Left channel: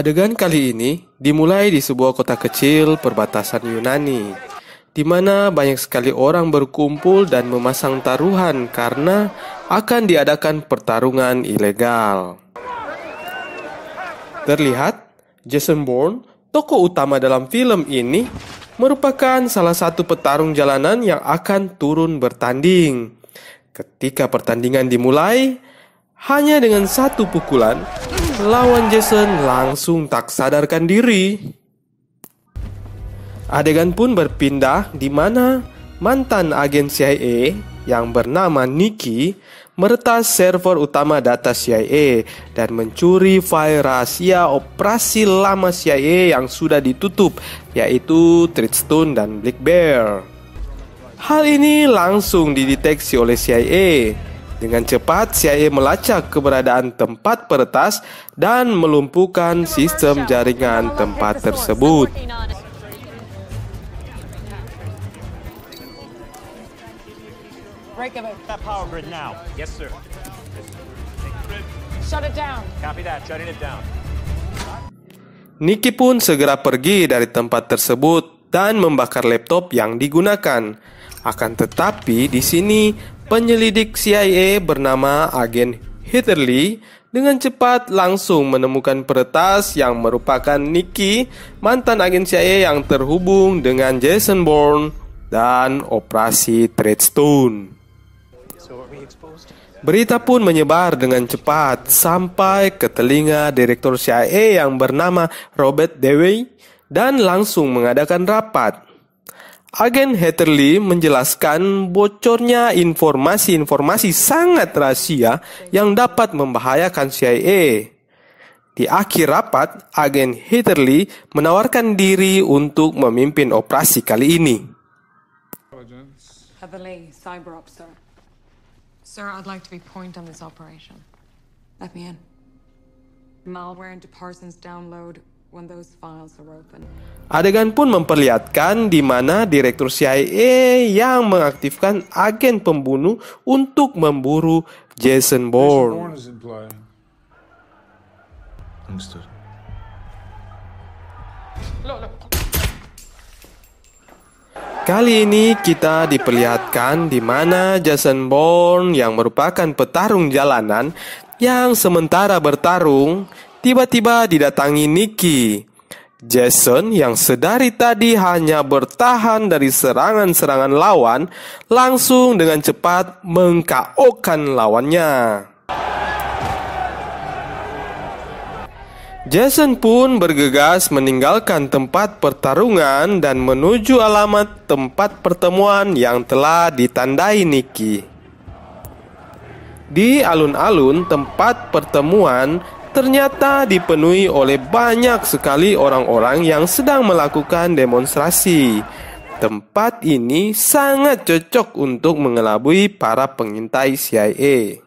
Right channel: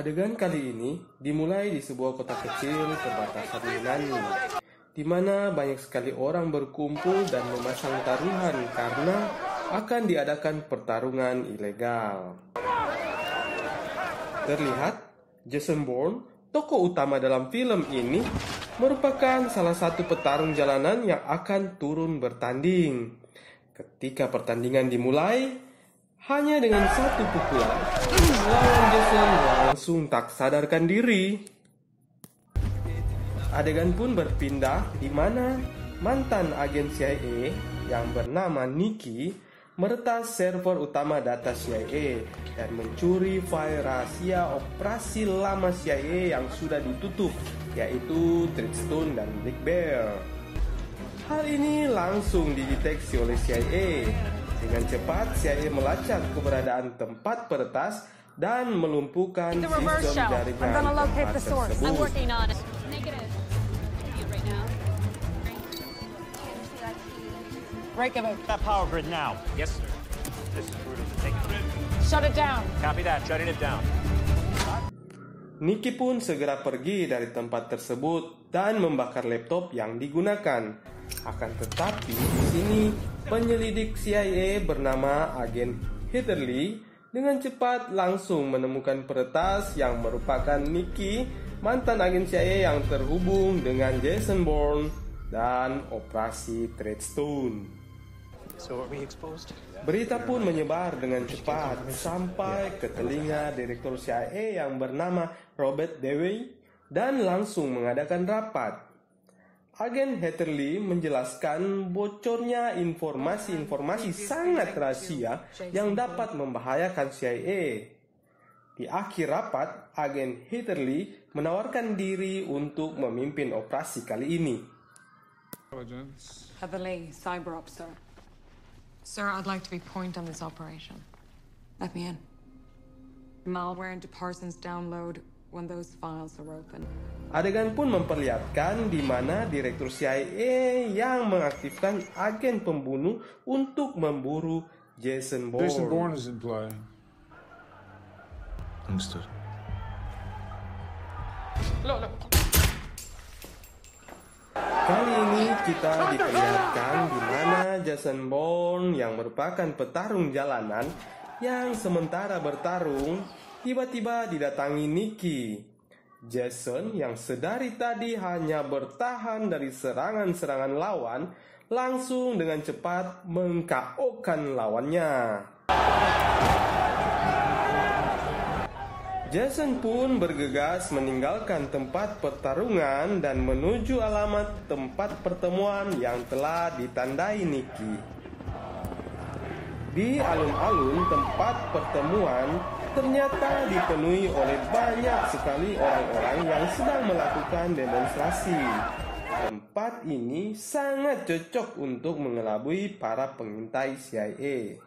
Adegan kali ini dimulai di sebuah kota kecil perbatasan Yunani, di mana banyak sekali orang berkumpul dan memasang taruhan karena akan diadakan pertarungan ilegal. Terlihat, Jason Bourne, tokoh utama dalam film ini, merupakan salah satu petarung jalanan yang akan turun bertanding. Ketika pertandingan dimulai, hanya dengan satu pukulan, lawan Jason langsung tak sadarkan diri. Adegan pun berpindah di mana mantan agen CIA yang bernama Nicky meretas server utama data CIA dan mencuri file rahasia operasi lama CIA yang sudah ditutup, yaitu Treadstone dan Black Bear. Hal ini langsung dideteksi oleh CIA. Dengan cepat, CIA melacak keberadaan tempat peretas dan melumpuhkan sistem jaringan tempat tersebut. Break that power grid now. Yes, sir. Shut it down. Copy that. Shutting it down. Nicky pun segera pergi dari tempat tersebut dan membakar laptop yang digunakan. Akan tetapi di sini penyelidik CIA bernama agen Heather Lee dengan cepat langsung menemukan peretas yang merupakan Nicky, mantan agen CIA yang terhubung dengan Jason Bourne dan operasi Treadstone. Berita pun menyebar dengan cepat sampai ke telinga direktur CIA yang bernama Robert Dewey dan langsung mengadakan rapat. Agen Heather Lee menjelaskan bocornya informasi-informasi sangat rahasia yang dapat membahayakan CIA. Di akhir rapat, agen Heather Lee menawarkan diri untuk memimpin operasi kali ini. Heather Lee, Cyber Ops, sir. Sir, I'd like to be point on this operation. Let me in. Malware into Parsons download when those files are open. Adegan pun memperlihatkan di mana direktur CIA yang mengaktifkan agen pembunuh untuk memburu Jason Bourne. Jason Bourne is in play. Understood. Kali ini kita diperlihatkan di mana Jason Bourne yang merupakan petarung jalanan yang sementara bertarung tiba-tiba didatangi Nicky. Jason yang sedari tadi hanya bertahan dari serangan-serangan lawan langsung dengan cepat meng-KO-kan lawannya. Jason pun bergegas meninggalkan tempat pertarungan dan menuju alamat tempat pertemuan yang telah ditandai Nicky. Di alun-alun tempat pertemuan ternyata dipenuhi oleh banyak sekali orang-orang yang sedang melakukan demonstrasi. Tempat ini sangat cocok untuk mengelabui para pengintai CIA.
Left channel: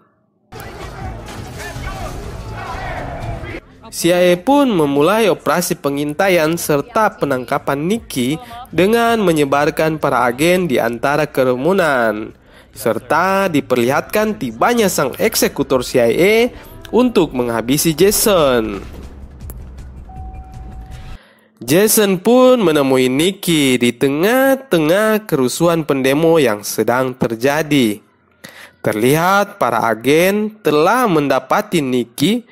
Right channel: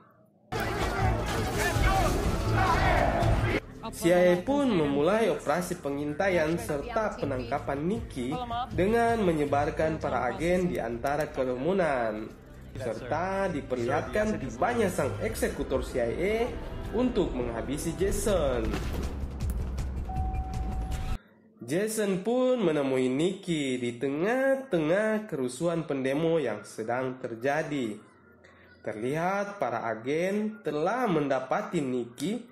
CIA pun memulai operasi pengintaian serta penangkapan Nicky dengan menyebarkan para agen di antara kerumunan, serta diperlihatkan tibanya sang eksekutor CIA untuk menghabisi Jason. Jason pun menemui Nicky di tengah-tengah kerusuhan pendemo yang sedang terjadi. Terlihat para agen telah mendapati Nicky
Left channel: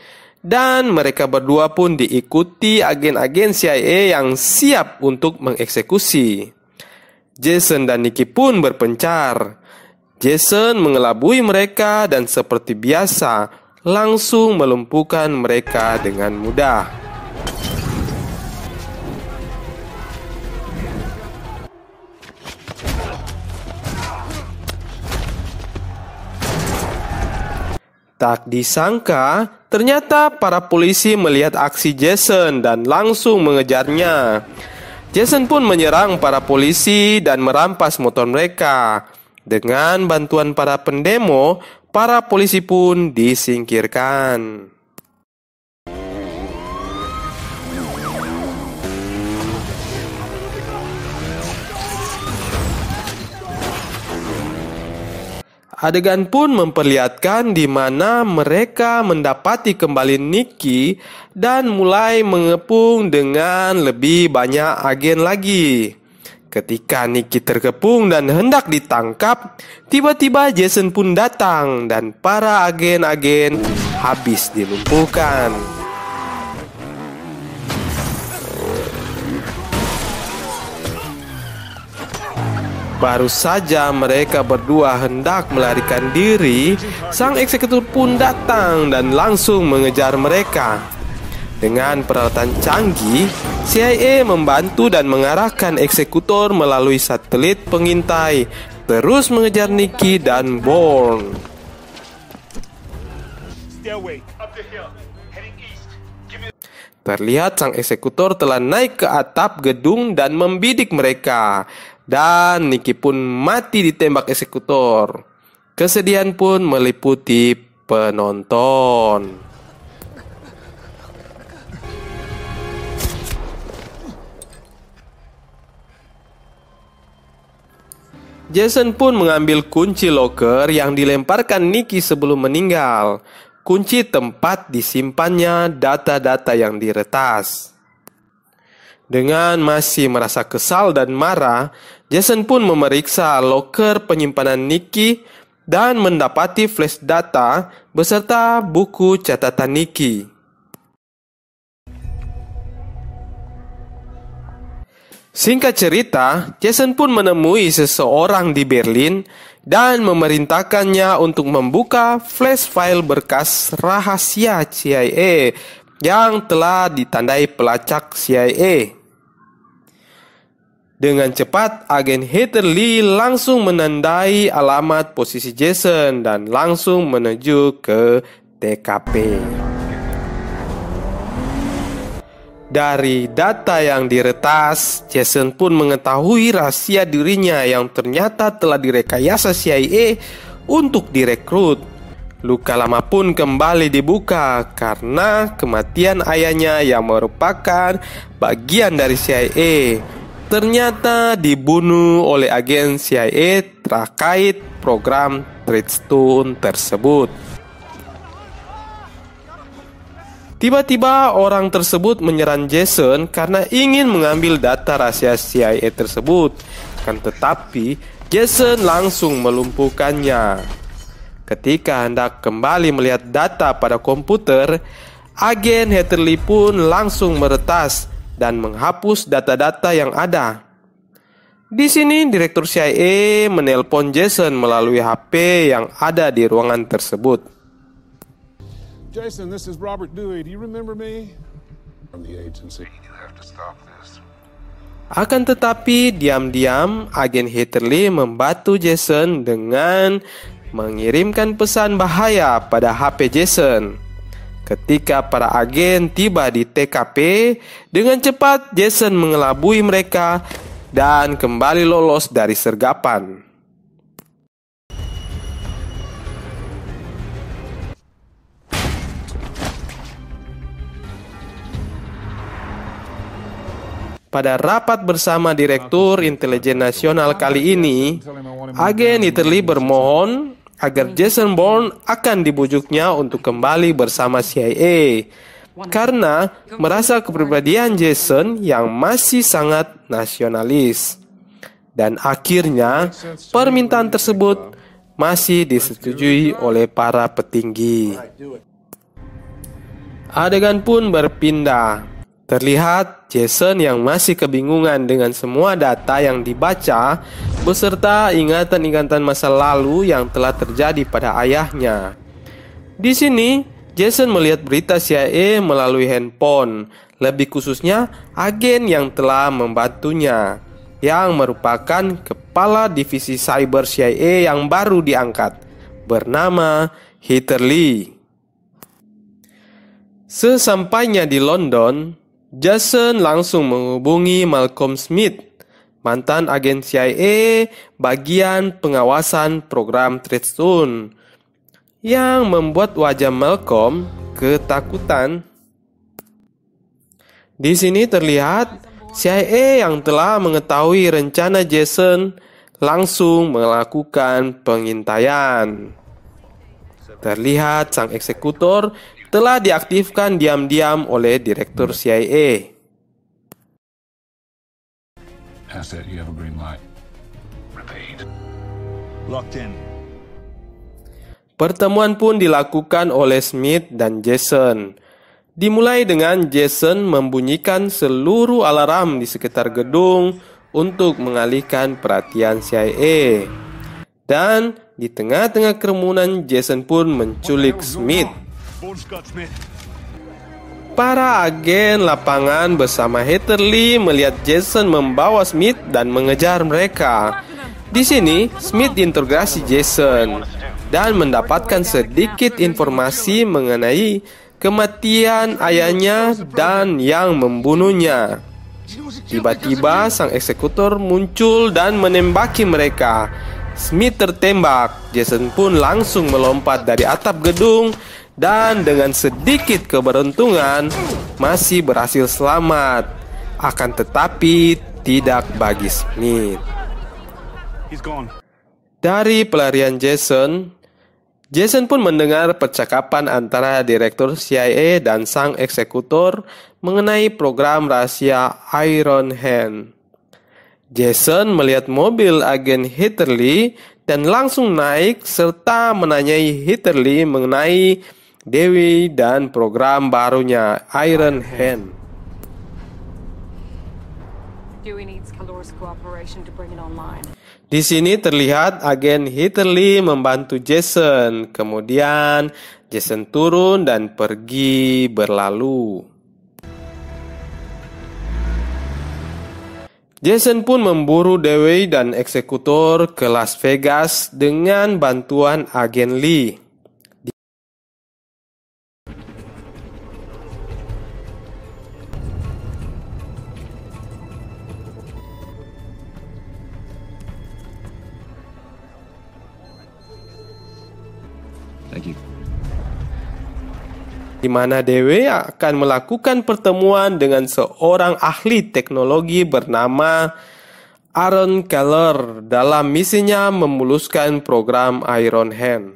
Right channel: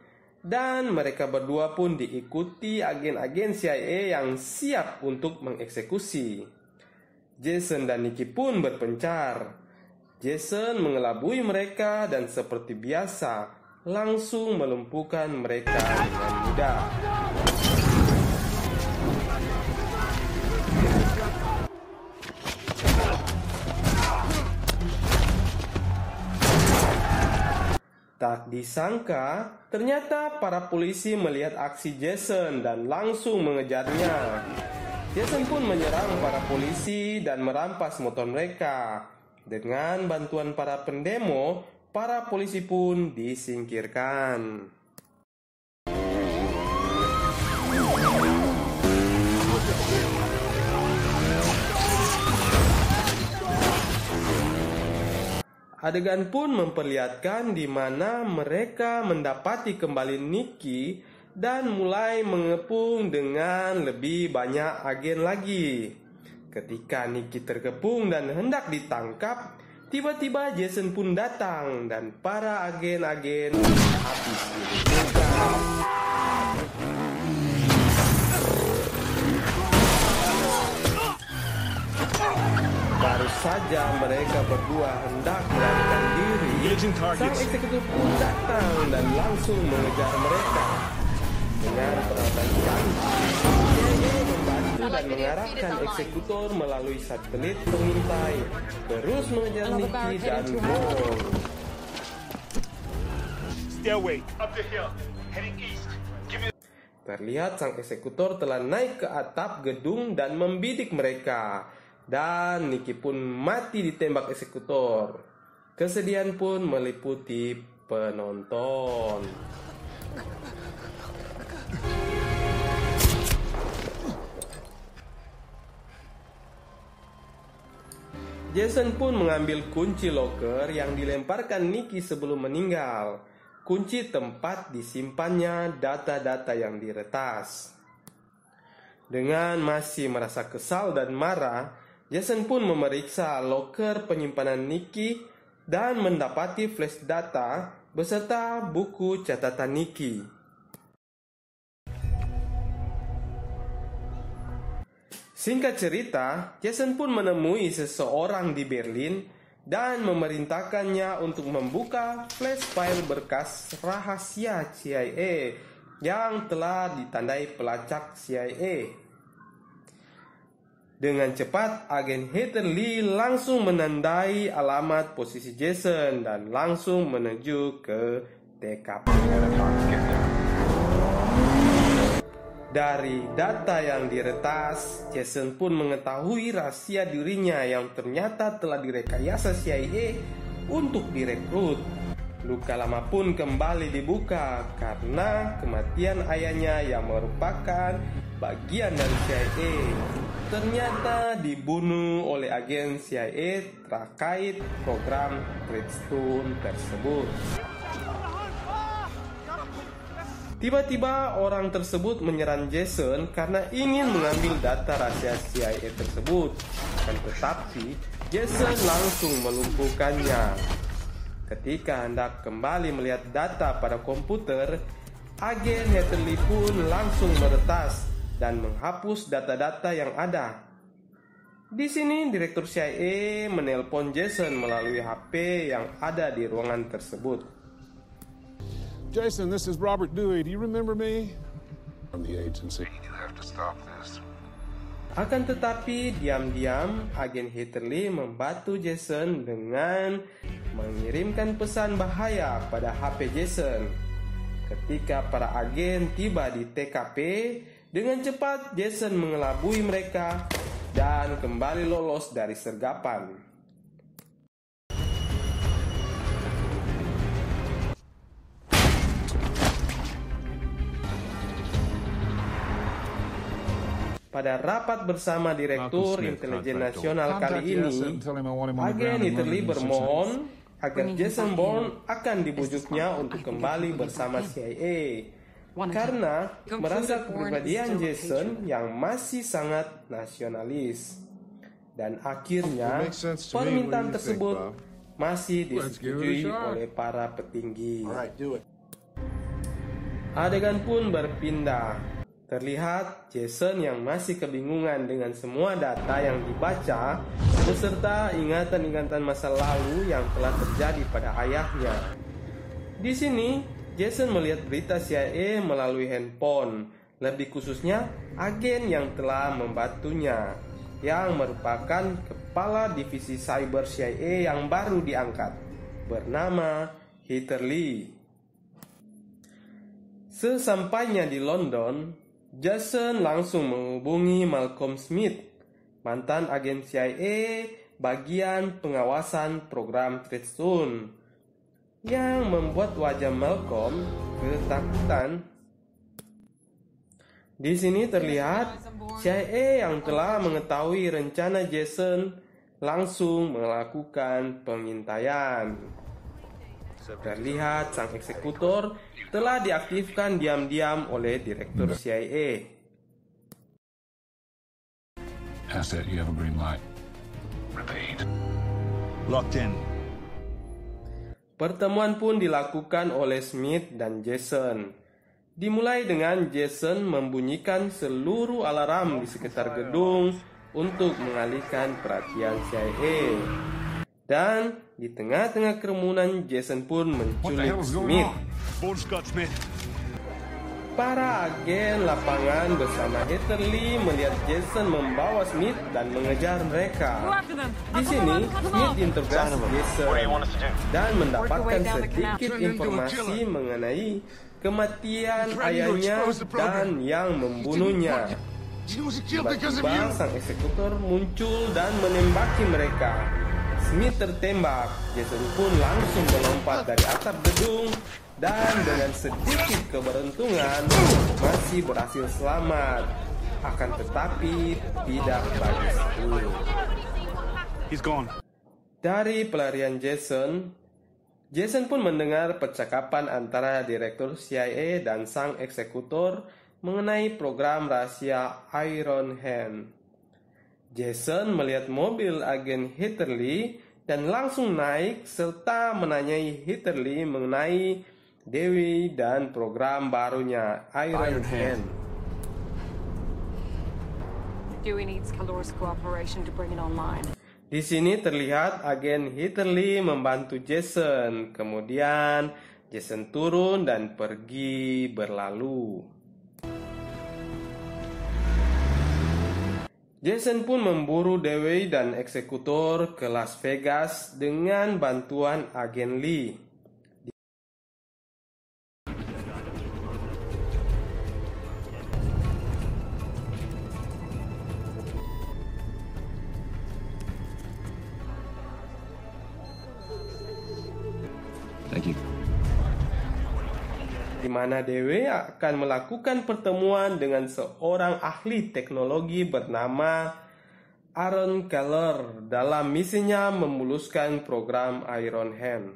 dan mereka berdua pun diikuti agen-agen CIA yang siap untuk mengeksekusi. Jason dan Nicky pun berpencar. Jason mengelabui mereka dan seperti biasa langsung melumpuhkan mereka dengan mudah. Tak disangka, ternyata para polisi melihat aksi Jason dan langsung mengejarnya. Jason pun menyerang para polisi dan merampas motor mereka. Dengan bantuan para pendemo, para polisi pun disingkirkan. Adegan pun memperlihatkan di mana mereka mendapati kembali Nikki dan mulai mengepung dengan lebih banyak agen lagi. Ketika Nikki terkepung dan hendak ditangkap, tiba-tiba Jason pun datang dan para agen-agen habis dilumpuhkan. Baru saja mereka berdua hendak melarikan diri, sang eksekutor pun datang dan langsung mengejar mereka. Dengan peralatan canggih, CIA membantu dan mengarahkan eksekutor melalui satelit pengintai, terus mengejar Nikki dan Bourne. Terlihat sang eksekutor telah naik ke atap gedung dan membidik mereka. Dan Nikki pun mati ditembak eksekutor. Kesedihan pun meliputi penonton. Jason pun mengambil kunci loker yang dilemparkan Nikki sebelum meninggal. Kunci tempat disimpannya data-data yang diretas. Dengan masih merasa kesal dan marah, Jason pun memeriksa loker penyimpanan Nikki dan mendapati flash data beserta buku catatan Nikki. Singkat cerita, Jason pun menemui seseorang di Berlin dan memerintahkannya untuk membuka flash file berkas rahasia CIA yang telah ditandai pelacak CIA. Dengan cepat, agen Heather Lee langsung menandai alamat posisi Jason dan langsung menuju ke TKP. Dari data yang diretas, Jason pun mengetahui rahasia dirinya yang ternyata telah direkayasa CIA untuk direkrut. Luka lama pun kembali dibuka karena kematian ayahnya yang merupakan bagian dari CIA ternyata dibunuh oleh agen CIA terkait program Treadstone tersebut. Tiba-tiba orang tersebut menyerang Jason karena ingin mengambil data rahasia CIA tersebut. Tetapi Jason langsung melumpuhkannya. Ketika hendak kembali melihat data pada komputer, agen Heather Lee pun langsung meretas dan menghapus data-data yang ada. Di sini Direktur CIA menelpon Jason melalui HP yang ada di ruangan tersebut. Jason, this is Robert Dewey. Do you remember me? From the agency. You have to stop this. Akan tetapi diam-diam agen Heather Lee membantu Jason dengan mengirimkan pesan bahaya pada HP Jason. Ketika para agen tiba di TKP, dengan cepat Jason mengelabui mereka dan kembali lolos dari sergapan. Pada rapat bersama Direktur Intelijen Nasional kali ini, agen Heather Lee bermohon agar Jason Bourne akan dibujuknya untuk kembali bersama CIA karena merasa kepribadian Jason yang masih sangat nasionalis. Dan akhirnya permintaan tersebut masih disetujui oleh para petinggi. Adegan pun berpindah. Terlihat Jason yang masih kebingungan dengan semua data yang dibaca beserta ingatan-ingatan masa lalu yang telah terjadi pada ayahnya. Di sini, Jason melihat berita CIA melalui handphone, lebih khususnya agen yang telah membantunya, yang merupakan kepala divisi cyber CIA yang baru diangkat, bernama Heather Lee. Sesampainya di London, Jason langsung menghubungi Malcolm Smith, mantan agen CIA bagian pengawasan program Treadstone, yang membuat wajah Malcolm ketakutan. Di sini terlihat CIA yang telah mengetahui rencana Jason langsung melakukan pengintaian. Terlihat sang eksekutor telah diaktifkan diam-diam oleh Direktur CIA. Asset, you have a green light. Repeat. Locked in. Pertemuan pun dilakukan oleh Smith dan Jason. Dimulai dengan Jason membunyikan seluruh alarm di sekitar gedung untuk mengalihkan perhatian CIA. Dan di tengah-tengah kerumunan, Jason pun menculik Smith. Para agen lapangan bersama Heather Lee melihat Jason membawa Smith dan mengejar mereka. Di sini, Smith diinterogasi Jason dan mendapatkan sedikit informasi mengenai kematian ayahnya dan yang membunuhnya. Tiba-tiba sang eksekutor muncul dan menembaki mereka. Smith tertembak, Jason pun langsung melompat dari atap gedung dan dengan sedikit keberuntungan masih berhasil selamat. Akan tetapi tidak bagi Smith. Dari pelarian Jason pun mendengar percakapan antara Direktur CIA dan sang eksekutor mengenai program rahasia Iron Hand. Jason melihat mobil agen Heather Lee dan langsung naik serta menanyai Heather Lee mengenai Dewi dan program barunya Iron Hand. Dewey needs Kalor's cooperation to bring it online. Di sini terlihat agen Heather Lee membantu Jason. Kemudian Jason turun dan pergi berlalu. Jason pun memburu Dewey dan eksekutor ke Las Vegas dengan bantuan agen Lee. Thank you. Di mana Dewey akan melakukan pertemuan dengan seorang ahli teknologi bernama Aaron Keller dalam misinya memuluskan program Iron Hand.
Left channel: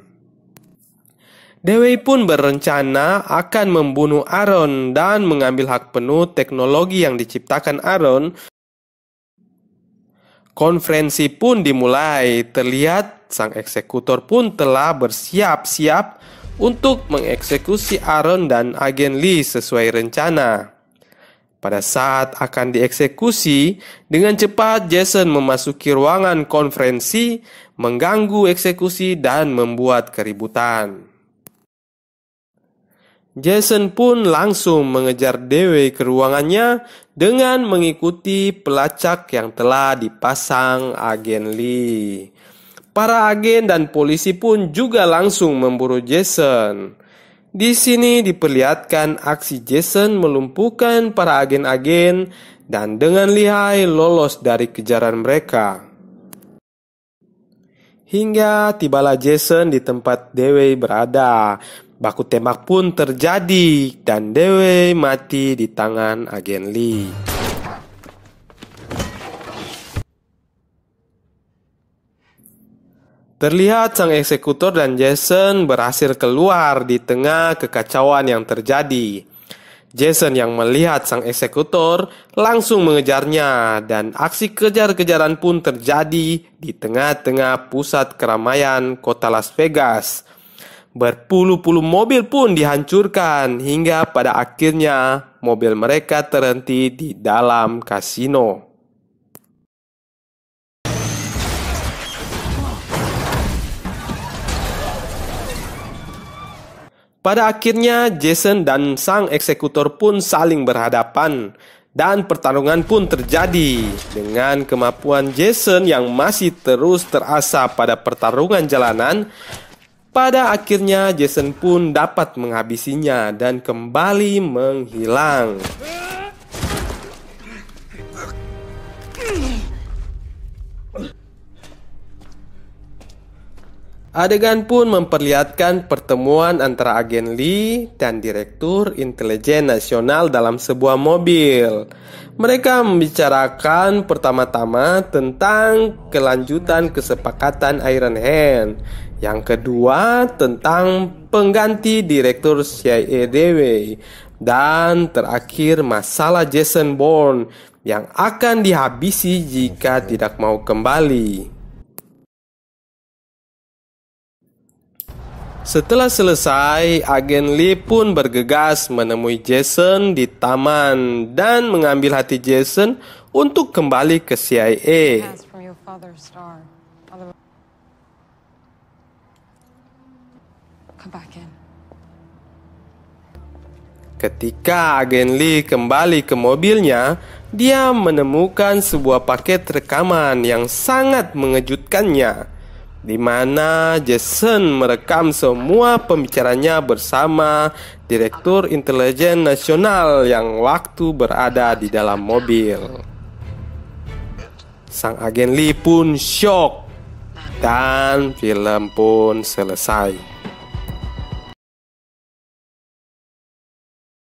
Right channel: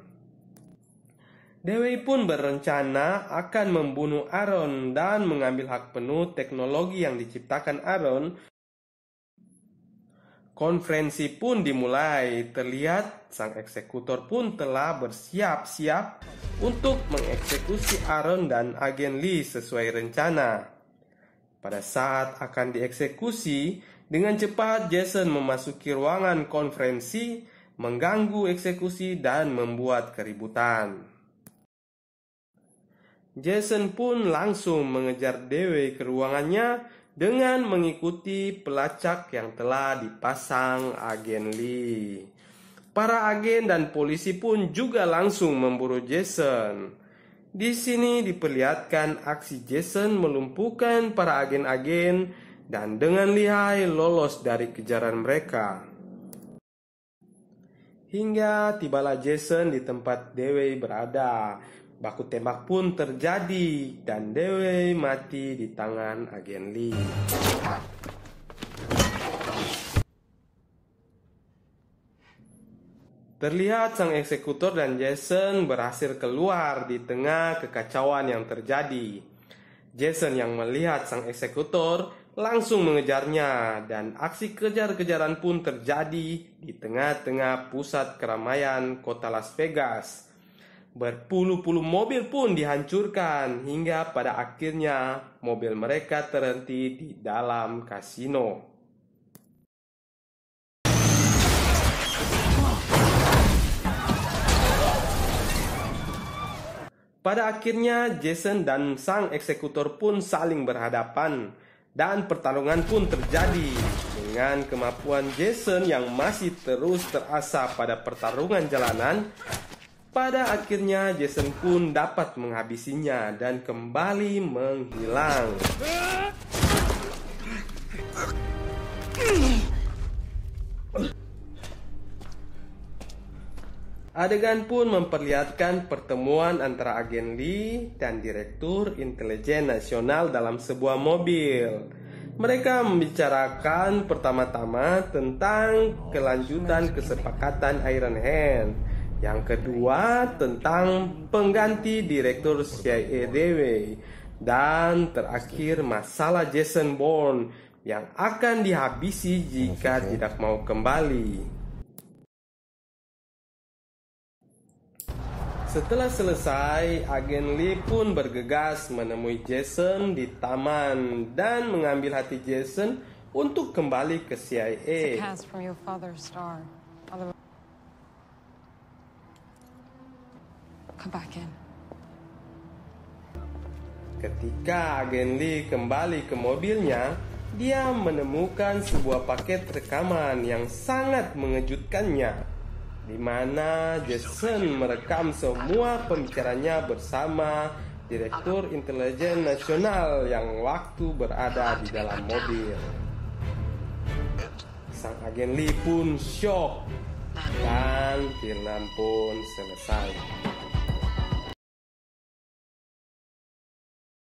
Dewey pun berencana akan membunuh Aaron dan mengambil hak penuh teknologi yang diciptakan Aaron. Konferensi pun dimulai. Terlihat sang eksekutor pun telah bersiap-siap untuk mengeksekusi Aaron dan agen Lee sesuai rencana. Pada saat akan dieksekusi, dengan cepat Jason memasuki ruangan konferensi, mengganggu eksekusi dan membuat keributan. Jason pun langsung mengejar Dewey ke ruangannya dengan mengikuti pelacak yang telah dipasang agen Lee. Para agen dan polisi pun juga langsung memburu Jason. Di sini diperlihatkan aksi Jason melumpuhkan para agen-agen dan dengan lihai lolos dari kejaran mereka. Hingga tibalah Jason di tempat Dewey berada. Baku tembak pun terjadi dan Dewey mati di tangan agen Lee. Terlihat sang eksekutor dan Jason berhasil keluar di tengah kekacauan yang terjadi. Jason yang melihat sang eksekutor langsung mengejarnya dan aksi kejar-kejaran pun terjadi di tengah-tengah pusat keramaian kota Las Vegas. Berpuluh-puluh mobil pun dihancurkan hingga pada akhirnya mobil mereka terhenti di dalam kasino. Pada akhirnya Jason dan sang eksekutor pun saling berhadapan dan pertarungan pun terjadi. Dengan kemampuan Jason yang masih terus terasa pada pertarungan jalanan, pada akhirnya Jason pun dapat menghabisinya dan kembali menghilang. Adegan pun memperlihatkan pertemuan antara agen Lee dan Direktur Intelijen Nasional dalam sebuah mobil. Mereka membicarakan pertama-tama tentang kelanjutan kesepakatan Iron Hand. Yang kedua tentang pengganti Direktur CIA Dewey. Dan terakhir masalah Jason Bourne yang akan dihabisi jika tidak mau kembali. Setelah selesai, agen Lee pun bergegas menemui Jason di taman dan mengambil hati Jason untuk kembali ke CIA. Ketika agen Lee kembali ke mobilnya, dia menemukan sebuah paket rekaman yang sangat mengejutkannya, di mana Jason merekam semua pembicaranya bersama Direktur Intelijen Nasional yang waktu berada di dalam mobil. Sang agen Lee pun syok dan film pun selesai.